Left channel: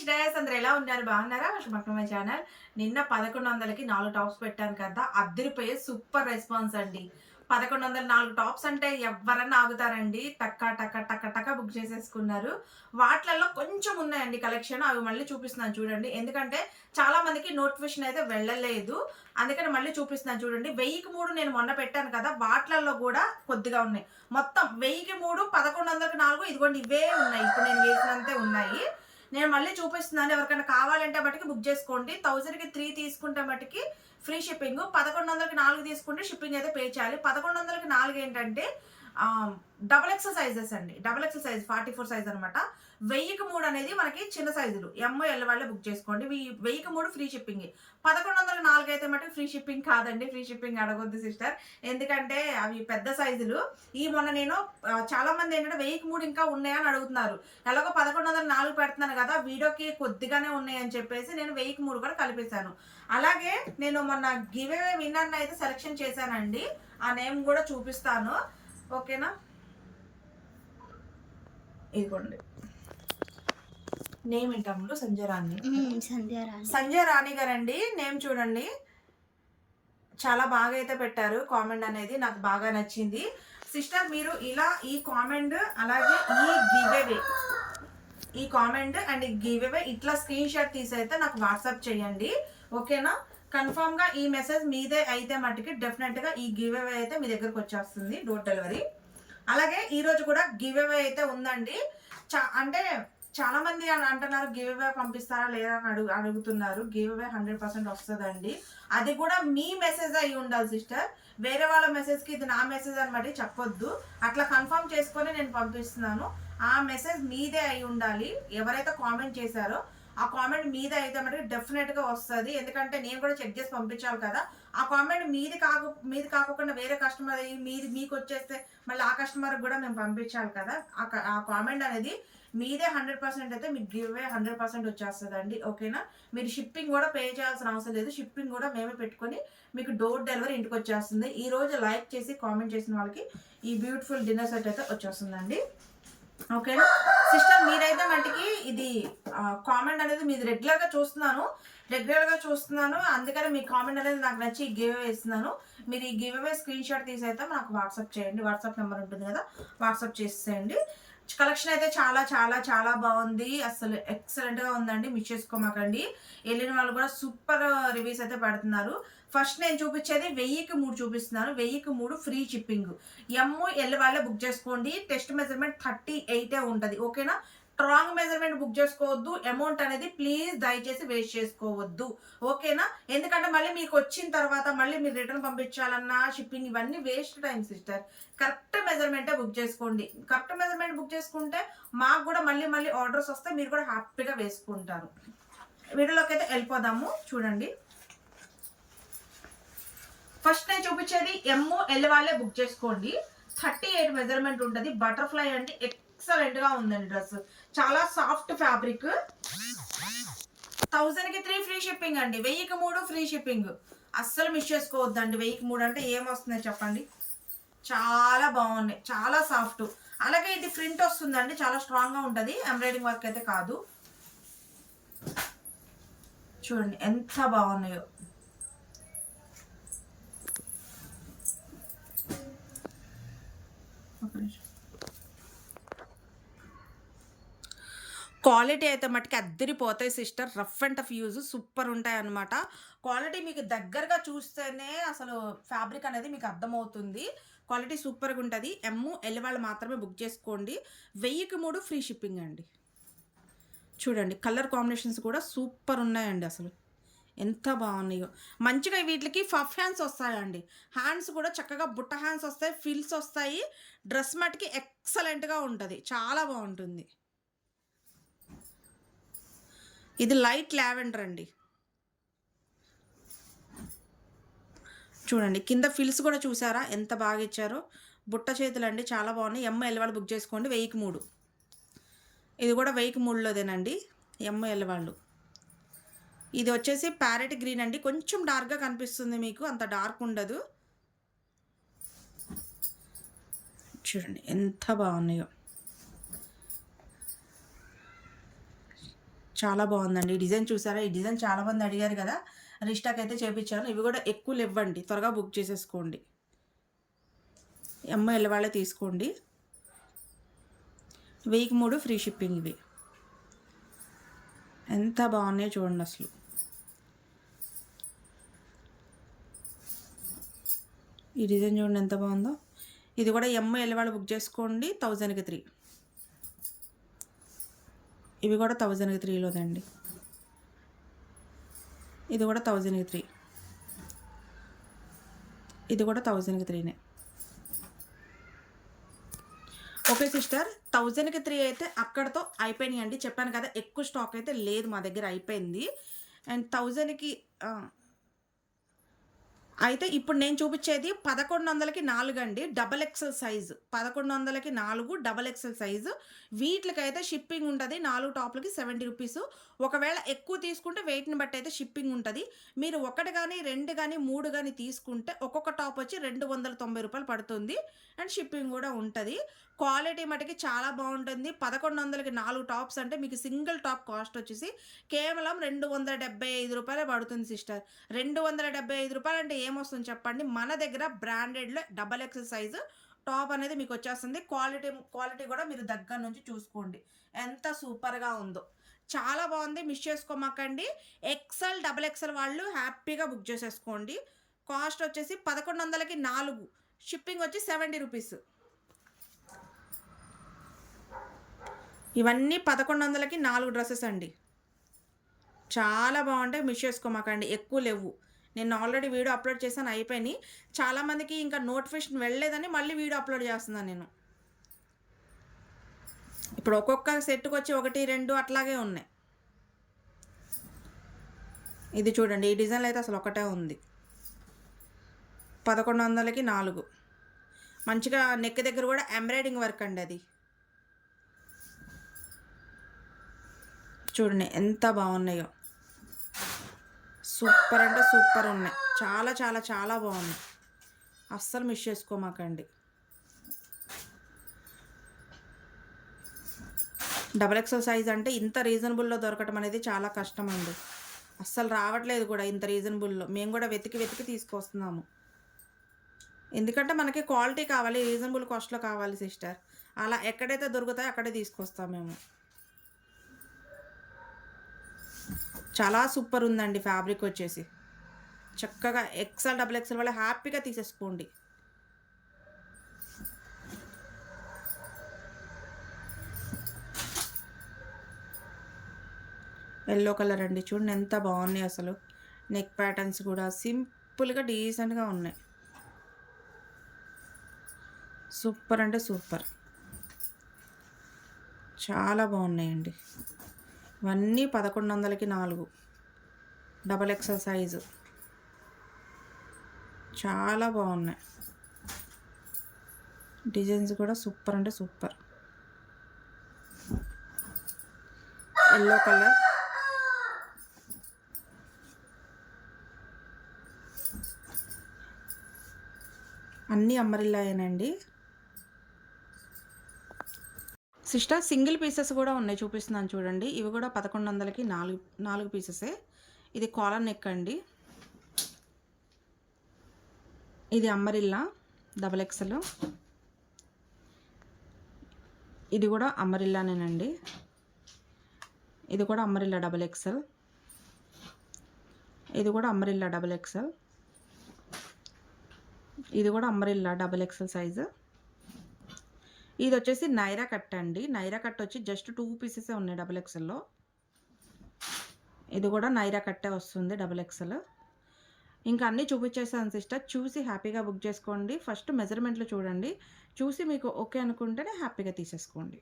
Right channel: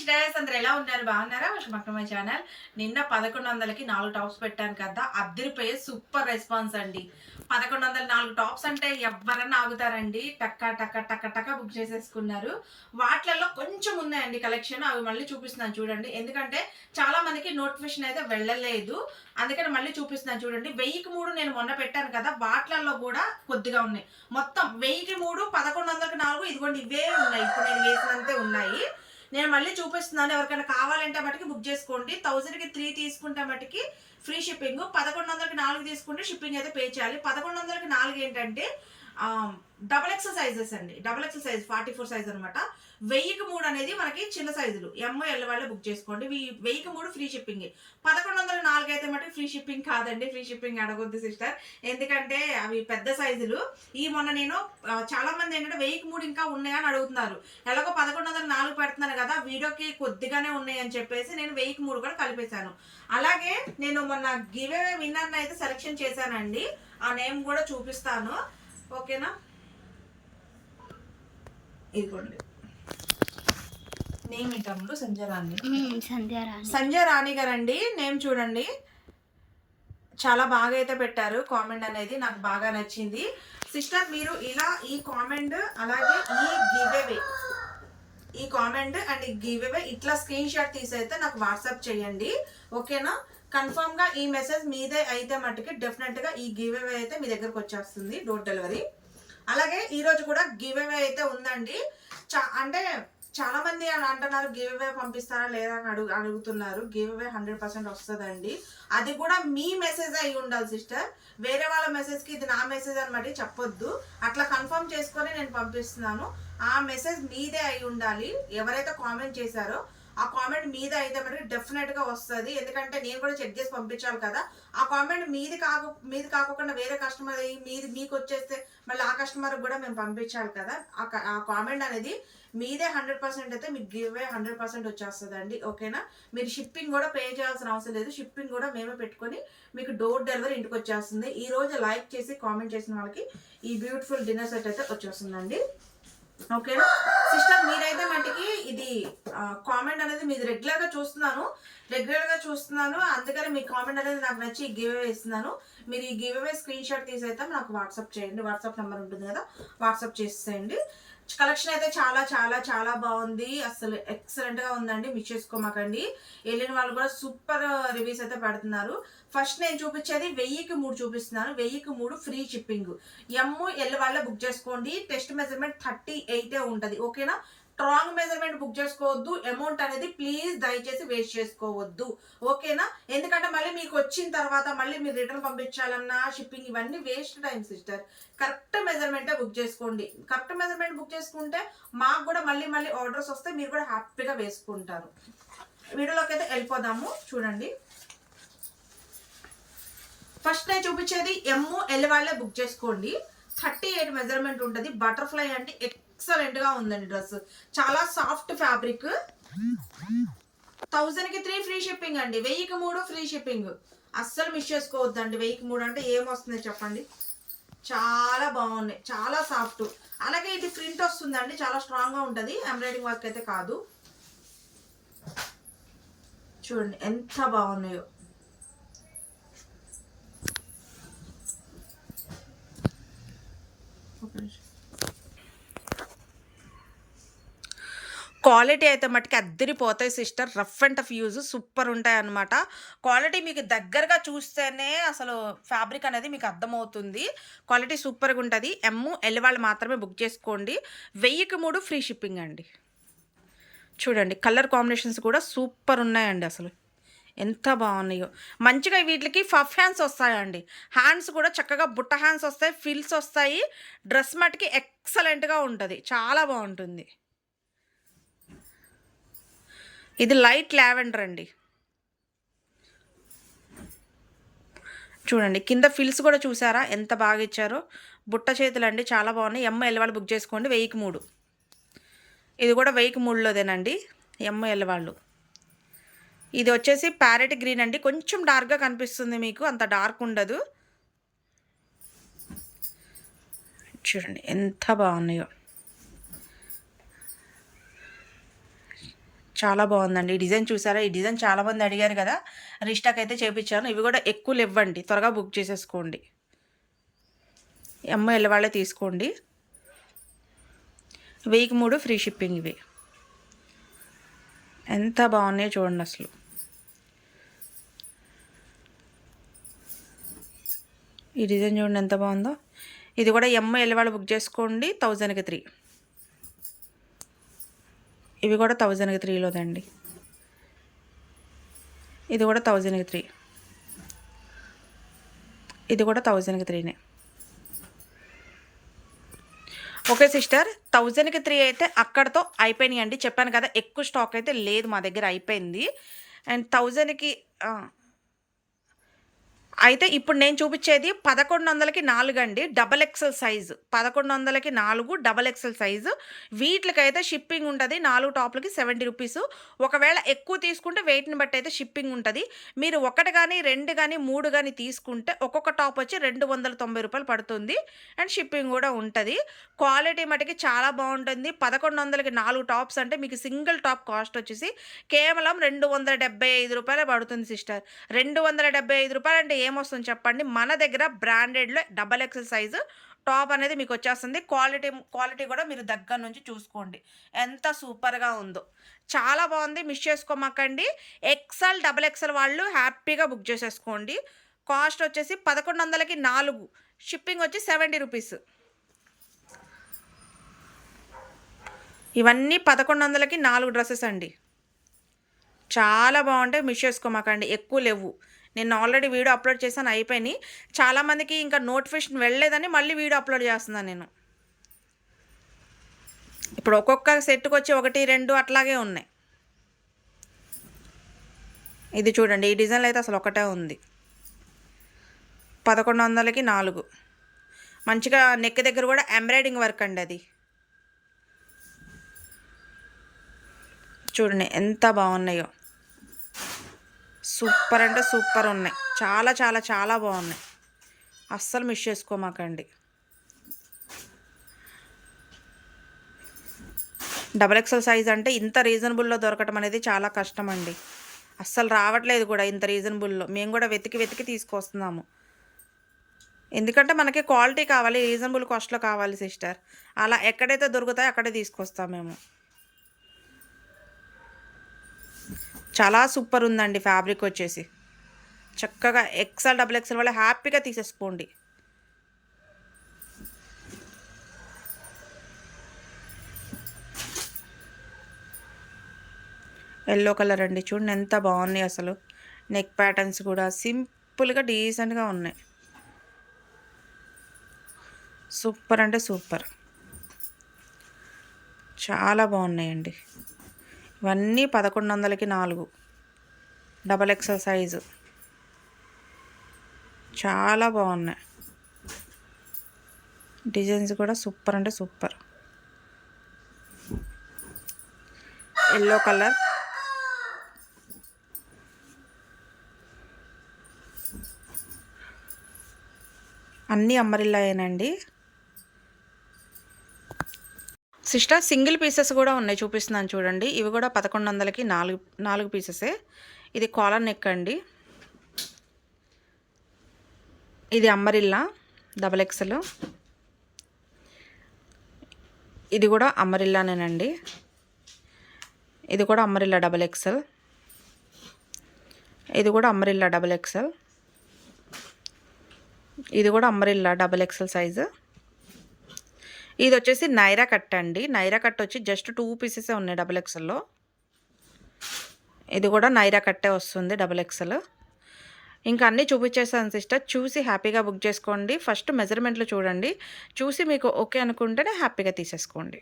Sisters అందరు ఎలా ఉన్నారు? బాగున్నారా? Welcome back to my channel నిన్న పదకొండు వందలకి నాలుగు టాప్స్ పెట్టాను కదా అద్దరిపోయే సూపర్ రెస్పాన్స్ అండి. పదకొండు వందల నాలుగు టాప్స్ అంటే ఎవరన్నా ఆగుతారండి. టక్క టక్క టక్క టక్క బుక్ చేసేసుకున్నారు. వాటిలలో కొంచెం ఉన్నాయండి కలెక్షన్ అవి మళ్ళీ చూపిస్తున్నాను చూడండి. ఎందుకంటే చాలా మందికి నోటిఫికేషన్ అయితే వెళ్ళలేదు. అందుకని మళ్ళీ చూపిస్తున్నాను చూడండి. వెయ్యికి మూడు నేను మొన్న పెట్టాను కదా వాటిలలో కూడా కొద్దిగా ఉన్నాయి. మొత్తం వెయ్యికి మూడు పదకొండు వందలకి నాలుగు ఇదిగోండి ఇవే ఉన్నాయి. ఇప్పుడు నేను వేసినంతే ఉన్నాయి. నేను మళ్ళీ చూపిస్తున్నాను. ఎవరికైనా కావాలంటే మటుకి బుక్ చేసుకోండి. థౌజండ్కి త్రీ తీసుకుంటే మటుకి ఫ్రీ షిప్పింగ్ పదకొండు వందలకి నాలుగు తీసుకుంటే షిప్పింగ్ అయితే పే చేయాలి. పదకొండు వందలకి నాలుగు ఏంటంటే డబల్ ఎక్స్ సైజెస్ అండి. Double X size forty four size అనమాట వెయ్యికి మూడు అనేది మనకి చిన్న సైజులు ఎమ్ ఎల్ వాళ్ళే బుక్ చేసుకోండి. వెయ్యికి మూడు ఫ్రీ షిప్పింగ్ పదకొండు వందల నాలుగు అయితే మటుకు ఫ్రీ షిప్పింగ్ కాదండి. ఫ్రీ షిప్పింగ్ అడగొద్దు సిస్టర్ ఎందుకంటే అవి పెద్ద సైజులు ఈ మొన్న నేను చాలామంది చాలా మంది ఏంటంటే వెయ్యికి మూడు ఇంకా ఉన్నాయని అడుగుతున్నారు. ఎలాగో పదకొండు వందల నాలుగు పెడుతున్నాను కదా వీడియోకి కొద్దిగానే ఉన్నాయని చెప్పేసి నేను వెయ్యికి మూడు కూడా కలిపేశాను. అలాగే నేను మొన్న గివే విన్నర్ అయితే సెలెక్షన్ చేశానండి. ఆ నేమ్ కూడా చూపిస్తాను. ఓకేనా? ఇదిగోండి. నేమ్ ఏంటమ్ముడు సంజయ్ రాణి. సంధ్యారాణి సంజయ్ రాణి. గారండి. నేమ్ చూడండి. చాలా బాగా అయితే పెట్టారు. కామెంట్ అనేది నాకు బాగా నచ్చింది. సిస్టర్ మీరు ఇలా ఈ కామెంట్ అలాగే ఈ గివ్ అవే ఈ కామెంట్ అండ్ ఈ గివ్ అవే ఇట్లా స్క్రీన్ షాట్ తీసి అయితే నాకు వాట్సాప్ చేయండి. ఓకేనా? కన్ఫామ్గా ఈ మెసేజ్ మీదే అయితే మట్టుకి డెఫినెట్గా ఈ గివ్ అవే అయితే మీ దగ్గరకు వచ్చేస్తుంది డోర్ డెలివరీ అలాగే ఈ రోజు కూడా గివ్ అవే అయితే ఉందండి. చా అంటే చాలా మంది అంటున్నారు గివ్ అవే పంపిస్తారా లేదా అని అడుగు అడుగుతున్నారు. గివ్ అవే హండ్రెడ్ పర్సెంట్ వస్తుందండి. అది కూడా మీ మెసేజ్ అయి ఉండాలి సిస్టర్ వేరే వాళ్ళ మెసేజ్కి ఇది నా మెసేజ్ అనమాట చెప్పొద్దు. అట్లా కన్ఫర్మ్ చేసుకొని నేను పంపిస్తున్నాను. ఆ మెసేజ్ మీదే అయి ఉండాలి. ఎవరైతే కామెంట్ చేశారో ఆ కామెంట్ మీద అయితే మనకి డెఫినెట్గా వస్తుంది. ఎందుకంటే నేను కూడా చెక్ చేసి పంపించాలి కదా. ఆ కామెంట్ మీది కాకు మీది కాకుండా వేరే కస్టమర్ అయ్యి మీది మీకు వచ్చేస్తే మళ్ళీ ఆ కస్టమర్ కూడా మేము పంపించాలి కదా. ఆ ఆ కామెంట్ అనేది మీదే హండ్రెడ్ పర్సెంట్ అయితే మీకు గివ్ అవే హండ్రెడ్ పర్సెంట్ వచ్చేస్తుందండి. ఓకేనా? మీరు షిప్పింగ్ కూడా పే చేయాల్సిన అవసరం లేదు. షిప్పింగ్ కూడా మేమే పెట్టుకొని మీకు డోర్ డెలివరీ ఇంటికి వచ్చేస్తుంది. ఈ రోజు లైక్ చేసి కామెంట్ చేసిన వాళ్ళకి ఈ బ్యూటిఫుల్ డిన్నర్ సెట్ అయితే వచ్చేస్తుందండి. ఓకేనా? సిస్టర్ మీరైతే మటుకి ఇది కామెంట్ అనేది మీది రెగ్యులర్గా చూస్తున్నాను. రెగ్యులర్గా చూస్తున్నాను. అందుకని మీ కామెంట్ అనేది నాకు నచ్చి గివ్ అవే ఇస్తున్నాను. మీరు ఈ గివ్ అవే స్క్రీన్ షాట్ తీసి అయితే నాకు వాట్సాప్ చేయండి. వాట్సాప్ నెంబర్ ఉంటుంది కదా వాట్సాప్ చేసేయండి. కలెక్షన్ అయితే చాలా చాలా చాలా బాగుంది. అసలు ఎక్సలెంట్గా ఉందండి. మిస్ చేసుకోమాకండి. వెళ్ళిన వాళ్ళు కూడా సూపర్ రివ్యూస్ అయితే పెడుతున్నారు. ఫస్ట్ నేను చూపించేది వెయ్యికి మూడు చూపిస్తున్నాను. వెయ్యికి మూడు ఫ్రీ షిప్పింగ్ ఎమ్ము ఎల్ వాళ్ళ బుక్ చేసుకోండి. టెస్ట్ మెజర్మెంట్ థర్టీ ఎయిటే ఉంటుంది. ఓకేనా స్ట్రాంగ్ మెజర్మెంట్ బుక్ చేసుకోవద్దు. అమౌంట్ అనేది ప్లీజ్ దయచేసి వేస్ట్ చేసుకోవద్దు. ఓకేనా ఎందుకంటే మళ్ళీ మీకు వచ్చిన తర్వాత మళ్ళీ మీరు రిటర్న్ పంపించాలన్నా షిప్పింగ్ ఇవన్నీ వేస్ట్ టైం సిస్టర్ కరెక్ట్ మెజర్మెంటే బుక్ చేసుకోండి. కరెక్ట్ మెజర్మెంట్ బుక్ చేసుకుంటే మాకు కూడా మళ్ళీ మళ్ళీ ఆర్డర్స్ వస్తే మీరు కూడా హ్యాపీగా వేసుకుంటారు. వీడియోలోకి అయితే వెళ్ళిపోదాము. చూడండి. ఫస్ట్ నేను చూపించేది ఎమ్ ఎల్ వాళ్ళే బుక్ చేసుకోండి. థర్టీ ఎయిట్ మెజర్మెంట్ ఉంటుంది. బటర్ఫ్లై అంటే ఎక్సలెంట్గా ఉందండి డ్రెస్. చాలా సాఫ్ట్ ఫ్యాబ్రిక్ థౌజండ్కి త్రీ ఫ్రీ షిప్పింగ్ అండి. వెయ్యికి మూడు ఫ్రీ షిప్పింగ్ అస్సలు మిస్ చేసుకోవద్దండి. వెయ్యికి మూడు అంటే ఏమొస్తున్నాయి చెప్పండి? చాలా బాగున్నాయి. చాలా సాఫ్ట్ అలాగే ఇది ప్రింట్ వస్తుందండి. చాలా స్ట్రాంగ్గా ఎంబ్రాయిడింగ్ వర్క్ అయితే కాదు. చూడండి ఎంత బాగున్నాయో. క్వాలిటీ అయితే మట్టుకి అద్దరిపోతాయి sister. Rough and tough use super ఉంటాయి అనమాట క్వాలిటీ మీకు దగ్గరగా చూస్తేనే అసలు ఫ్యాబ్రిక్ అనేది మీకు అర్థమవుతుంది. క్వాలిటీ సూపర్గా ఉంటుంది. ఎమ్ము ఎల్ వాళ్ళు మాత్రమే బుక్ చేసుకోండి. వెయ్యికి మూడు ఫ్రీ షిప్పింగ్ అండి. చూడండి కలర్ కాంబినేషన్స్ కూడా సూపర్ ఉన్నాయండి అసలు. ఎంత బాగున్నాయో. మంచిగా వీటికి ఫఫ్ హ్యాండ్స్ వస్తాయండి. హ్యాండ్స్ కూడా చక్కగా బుట్ట హ్యాండ్స్ వస్తాయి ఫిల్స్ వస్తాయి. డ్రెస్ మటుకి ఎక్సలెంట్గా ఉంటుంది. చాలా బాగుంటుంది. ఇది లైట్ లావెండర్ అండి. చూడండి కింద ఫిల్స్ కూడా చూసారా? ఎంత బాగా ఇచ్చారో. బుట్ట చేతులు అండి చాలా బాగున్నాయి. ఎమ్మ ఎల్లవాళ్ళు బుక్ చేసుకోండి వెయ్యికి మూడు. ఇది కూడా వెయ్యికి మూడులోదేనండి ఎమ్మ ఎల్లవాళ్ళు ఇది వచ్చేసి ప్యారెట్ గ్రీన్ అండి. కొంచెం డార్క్గా కనిపిస్తుంది మీకు అంత డార్క్ ఉండదు. చూడండి ఎంత బాగున్నాయో. చాలా బాగుందండి. ఈ డిజైన్ చూసారా? ఈ డిజైన్ చాలామంది అడిగారు కదా? రీస్టాక్ అయితే చేపించాను ఇవి కూడా ఎక్కువ ఇవ్వండి త్వరగా బుక్ చేసేసుకోండి. అమ్మ వాళ్ళే తీసుకోండి. వెయ్యికి మూడు ఫ్రీ షిప్పింగ్ ఇవి. ఎంత బాగున్నాయో చూడండి అసలు. ఈ డిజైన్ చూడండి ఎంత బాగుందో. ఇది కూడా ఎమ్మ ఎల్లవాళ్ళు బుక్ చేసుకోండి. థౌజండ్కి త్రీ. ఇవి కూడా థౌజండ్కి త్రీలోదండి. ఇది కూడా థౌజండ్కి త్రీ. ఇది కూడా థౌజండ్కి త్రీనే. ఓకే సిస్టర్ థౌజండ్కి త్రీ అయితే అక్కడతో అయిపోయినాయి అండి చెప్పాను కదా ఎక్కువ స్టాక్ అయితే లేదు మా దగ్గర అయిపోయింది. అండ్ థౌజండ్కి అయితే ఇప్పుడు నేను చూపించేది పదకొండు వందలకి నాలుగు అండి డబల్ ఎక్సెల్ సైజు. పదకొండు వందలకి నాలుగు డబల్ ఎక్సెల్ సైజు. వీటికైతే షిప్పింగ్ ఉంటుంది నాలుగు టాప్లకి సెవెంటీ రూపీస్. ఒకవేళ ఎక్కువ తీసుకుంటే వెయిట్ని బట్టి అయితే షిప్పింగ్ ఉంటుంది. మీరు ఒకటి కానీ రెండు కానీ మూడు కానీ తీసుకుంటే ఒక్కొక్క టాప్ వచ్చి రెండు వందల తొంభై రూపాయలు పడుతుంది. అండ్ షిప్పింగ్ కూడా ఉంటుంది. క్వాలిటీ మటుకి చాలా బాగుంటుంది. పదకొండు వందలకి నాలుగు టాప్స్ అంటే మీకు సింగిల్ టాప్ కాస్ట్ వచ్చేసి కేవలం రెండు వందల డెబ్బై ఐదు రూపాయలే పడుతుంది సిస్టర్. రెండు వందల డెబ్బై ఐదు రూపాయలు అంటే ఏమొస్తుంది చెప్పండి? మన దగ్గర బ్రాండెడ్లో డబల్ ఎక్సెల్ సైజు టాప్ అనేది మీకు వచ్చేస్తుంది. క్వాలిటీ క్వాలిటీ కూడా మీరు దగ్గర నుంచి చూసుకోండి. ఎంత సూపర్గా ఉందో. చాలా బాగుంది. మిస్ చేసుకోమాకండి. ఎక్సెల్ డబల్ ఎక్సెల్ వాళ్ళు హ్యాపీగా బుక్ చేసేసుకోండి. కాస్ట్ వచ్చేసి పదకొండు వందలకి నాలుగు. షిప్పింగ్ వచ్చి సెవెంటీ రూపీస్ ఇవన్నీ పదకొండు వందలకి నాలుగు డ్రెస్సెస్ అండి. చాలా బాగుంటాయి. మిస్ చేసుకోమాకండి. ఎక్కువ లేవు. నేను ఆల్రెడీ వీడియో అప్లోడ్ చేశాను అయిపోయినాయి. చాలామందికి ఇంకా నోటిఫికేషన్ వెళ్ళలేదని మళ్ళీ వీడియో అప్లోడ్ చేస్తున్నాను నేను. ఇప్పుడు ఒక్కొక్క సెట్కి వచ్చి ఒకటి రెండు అట్లాగే ఉన్నాయి. ఇది చూడండి ఈ డిజైన్లో అయితే అసలు ఒకటే ఉంది. పదకొండు వందలకి నాలుగు. మంచిగా నెక్ దగ్గర కూడా ఎంబ్రాయిడింగ్ వర్క్ అండి అది. చూడండి ఎంత బాగున్నాయో. సూపర్ అంటే సూపర్ ఉన్నాయి. చాలా చాలా చాలా బాగున్నాయి. అస్సలు మిస్ చేసుకోమాకండి. డబల్ ఎక్సెల్ సైజ్ అంటే ఇంత రీజనబుల్లో దొరకటం అనేది చాలా కష్టం అండి అస్సలు రావట్లేదు కూడా ఇంత రీజనబుల్లో. మేము కూడా వెతికి వెతికి తీసుకొస్తున్నాము. ఎందుకంటే మనకి క్వాలిటీ కావాలి రీజనబుల్ కాస్ట్లో కావాలి సిస్టర్. అలా ఎక్కడైతే దొరుకుతాయో అక్కడే తీసుకొస్తాం మేము. చాలా సూపర్ ఉందండి ఫ్యాబ్రిక్ వచ్చేసి. చక్కగా ఎక్సెల్ డబుల్ ఎక్సెల్ వల్ల హ్యాపీగా తీసేసుకోండి. ఎల్లో కలర్ అండి. చూడండి ఎంత బాగున్నాయి అసలు. నెక్ ప్యాటర్న్స్ కూడా సింపుల్గా డీసెంట్గా ఉన్నాయి. సూపర్ అంటే సూపర్. చాలా బాగున్నాయండి. ఇవన్నీ పదకొండు వందలకి నాలుగు. Double XL size. చాలా బాగున్నాయి. డిజైన్స్ కూడా సూపర్ అంటే సూపర్. Yellow colour. అన్నీ అమ్మరిల్లాయేనండి సిస్టర్ సింగిల్ పీసెస్ కూడా ఉన్నాయి చూపిస్తున్నాను చూడండి. ఇవి కూడా పదకొండు వందలకి నాలుగు నాలుగు పీసెసే. ఇది కాలర్ నెక్ అండి. ఇది అమ్మరిల్లా డబల్ ఎక్సెల్. ఇది కూడా అమ్మరిల్లానేనండి ఇది కూడా అమ్మరిల్లా డబల్ ఎక్సెల్. ఇది కూడా అమ్మరిల్లా డబల్ ఎక్సెల్. ఇది కూడా అమ్మరిల్లా డబల్ ఎక్సెల్ సైజు. ఇది వచ్చేసి నైరా కట్ అండి. నైరా కట్ వచ్చి జస్ట్ టూ పీసెసే ఉన్నాయి డబుల్ ఎక్స్ఎల్లో ఇది కూడా నైరా కట్టే వస్తుంది డబుల్ ఎక్స్ఎల్ ఇంకా అన్నీ చూపించేసాను సిస్టర్. చూసి హ్యాపీగా బుక్ చేసుకోండి. ఫస్ట్ మెజర్మెంట్లు చూడండి. చూసి మీకు ఓకే అనుకుంటేనే హ్యాపీగా తీసేసుకోండి.